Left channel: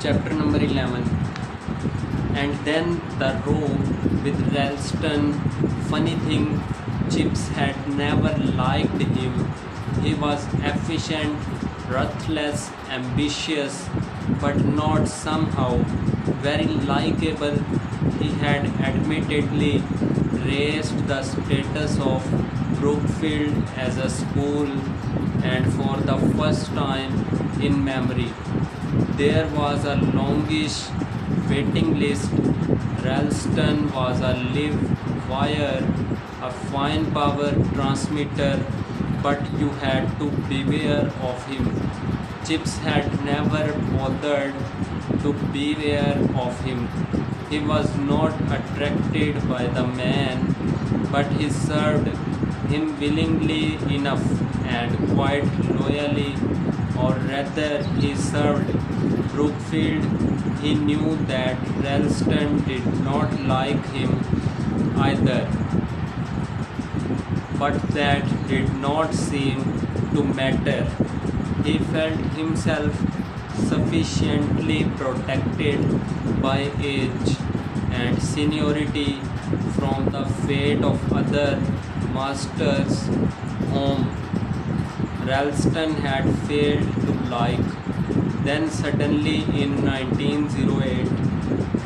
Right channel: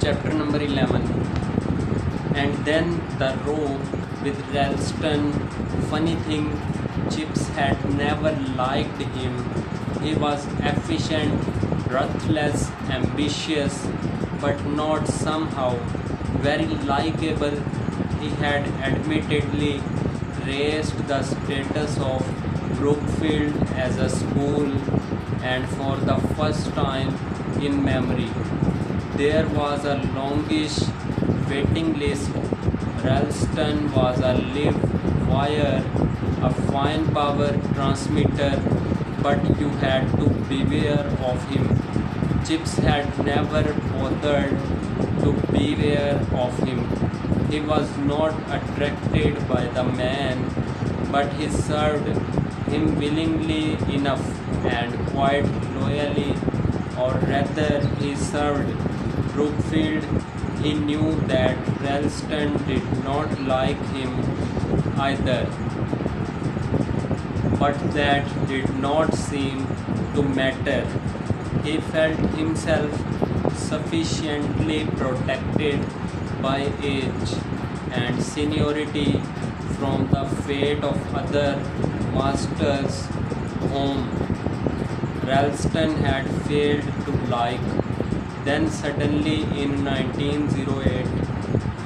Chapter number 11. And then the row with Ralston. Funny thing, Chips had never liked him. He was efficient, ruthless, ambitious, but not somehow very likable. He had admittedly raised the status of Brookfield as a school, and for the first time in memory, there was a longish waiting list. Ralston was a live wire, a fine power transmitter, but you had to beware of him. Chips had never bothered to beware of him. He was not attracted by the man, but he served him willingly enough and quite loyally, or rather, he served Brookfield. He knew that Ralston did not like him either, but that did not seem to matter. He felt himself sufficiently protected by age and seniority from the fate of other masters whom Ralston had failed to like. Then suddenly in 1908,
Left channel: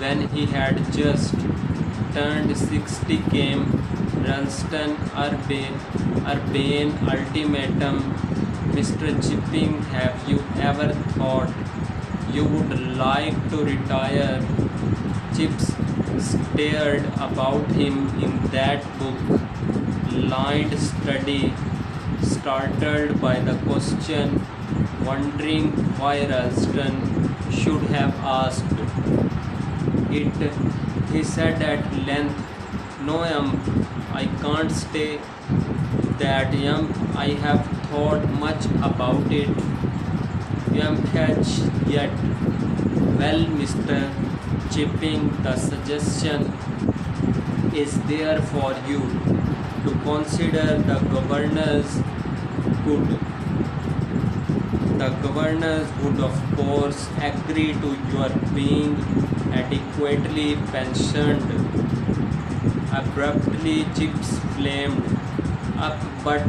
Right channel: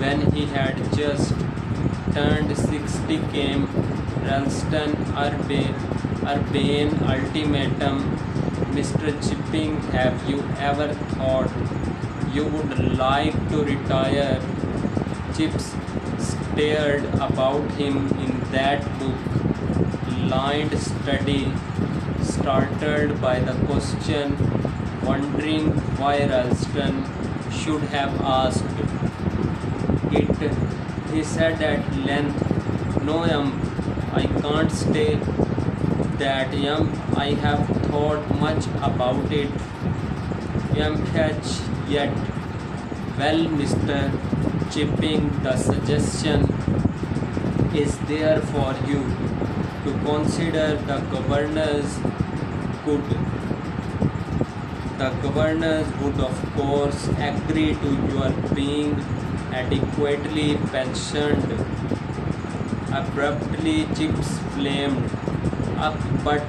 when he had just turned 60, came Ralston urbane ultimatum. Mr. Chipping, have you ever thought you would like to retire? Chips stared about him in that book-lined study, startled by the question, wondering why Ralston should have asked it. He said at length, "No, I can't stay that young. I have thought much about it. Yet, well, Mr. Chipping, the suggestion is there for you to consider. The governors would of course agree to your being adequately pensioned." Abruptly, Chips flamed up. "But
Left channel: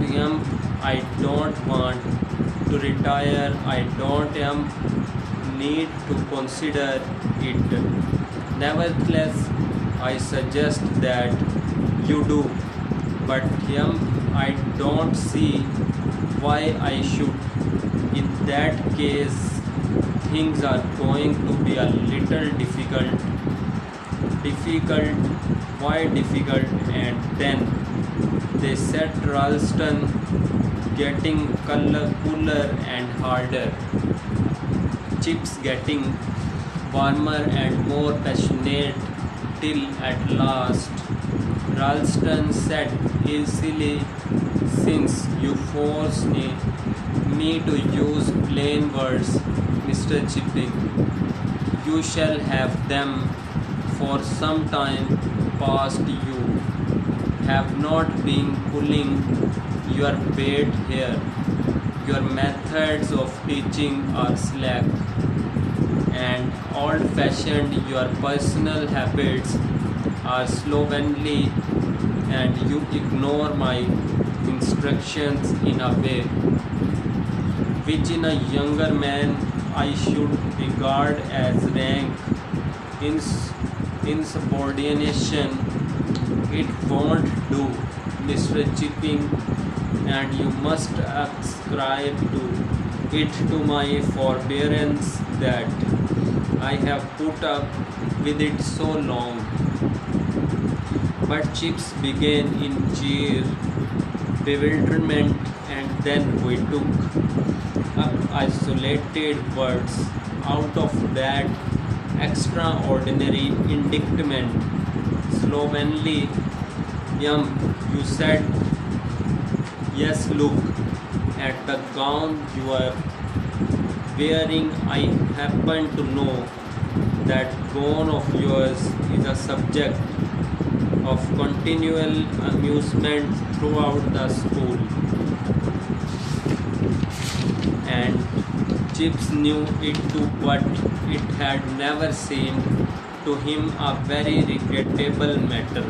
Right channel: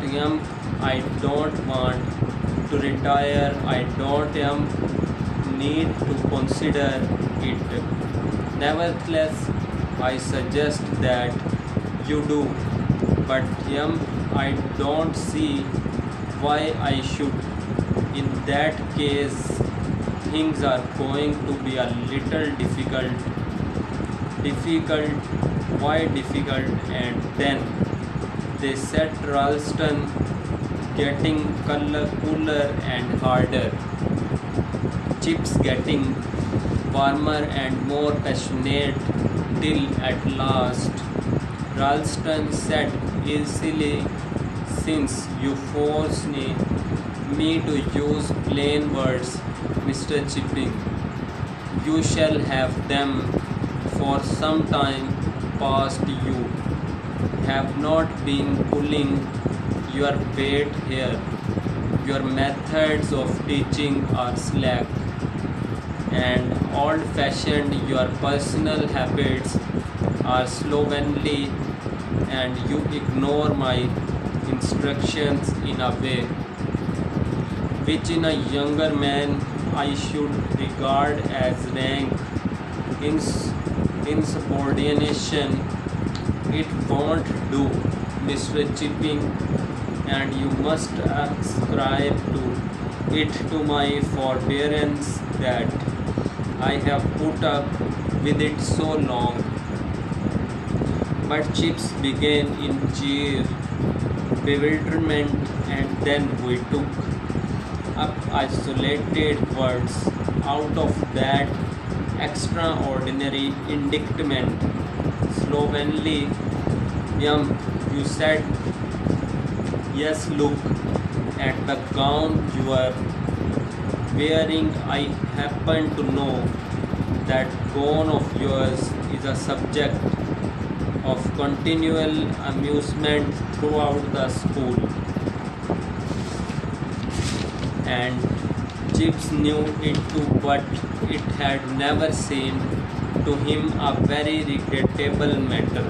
I don't want to retire. I don't need to consider it. Nevertheless, I suggest that you do. But I don't see why I should. In that case, things are going to be a little difficult." Difficult? Why difficult? And then they set Ralston getting cooler and harder. Chips getting warmer and more passionate, till at last Ralston said easily, "Since you force me to use plain words, Mr. Chipping, you shall have them. For some time past you have not been pulling your weight here. Your methods of teaching are slack and old-fashioned. Your personal habits are slovenly, and you ignore my instructions in a way which in a younger man I should regard as rank insubordination. It won't do, Mr. Chipping, and you must ascribe to it to my forbearance that I have put up with it so long." But Chips began in sheer bewilderment, and then we took up isolated words out of that extraordinary indictment. Slovenly, you said. Yes, look at the gown you are wearing. I happen to know that gown of yours is a subject of continual amusement throughout the school. And Chips knew it too, but it had never seemed to him a very regrettable matter.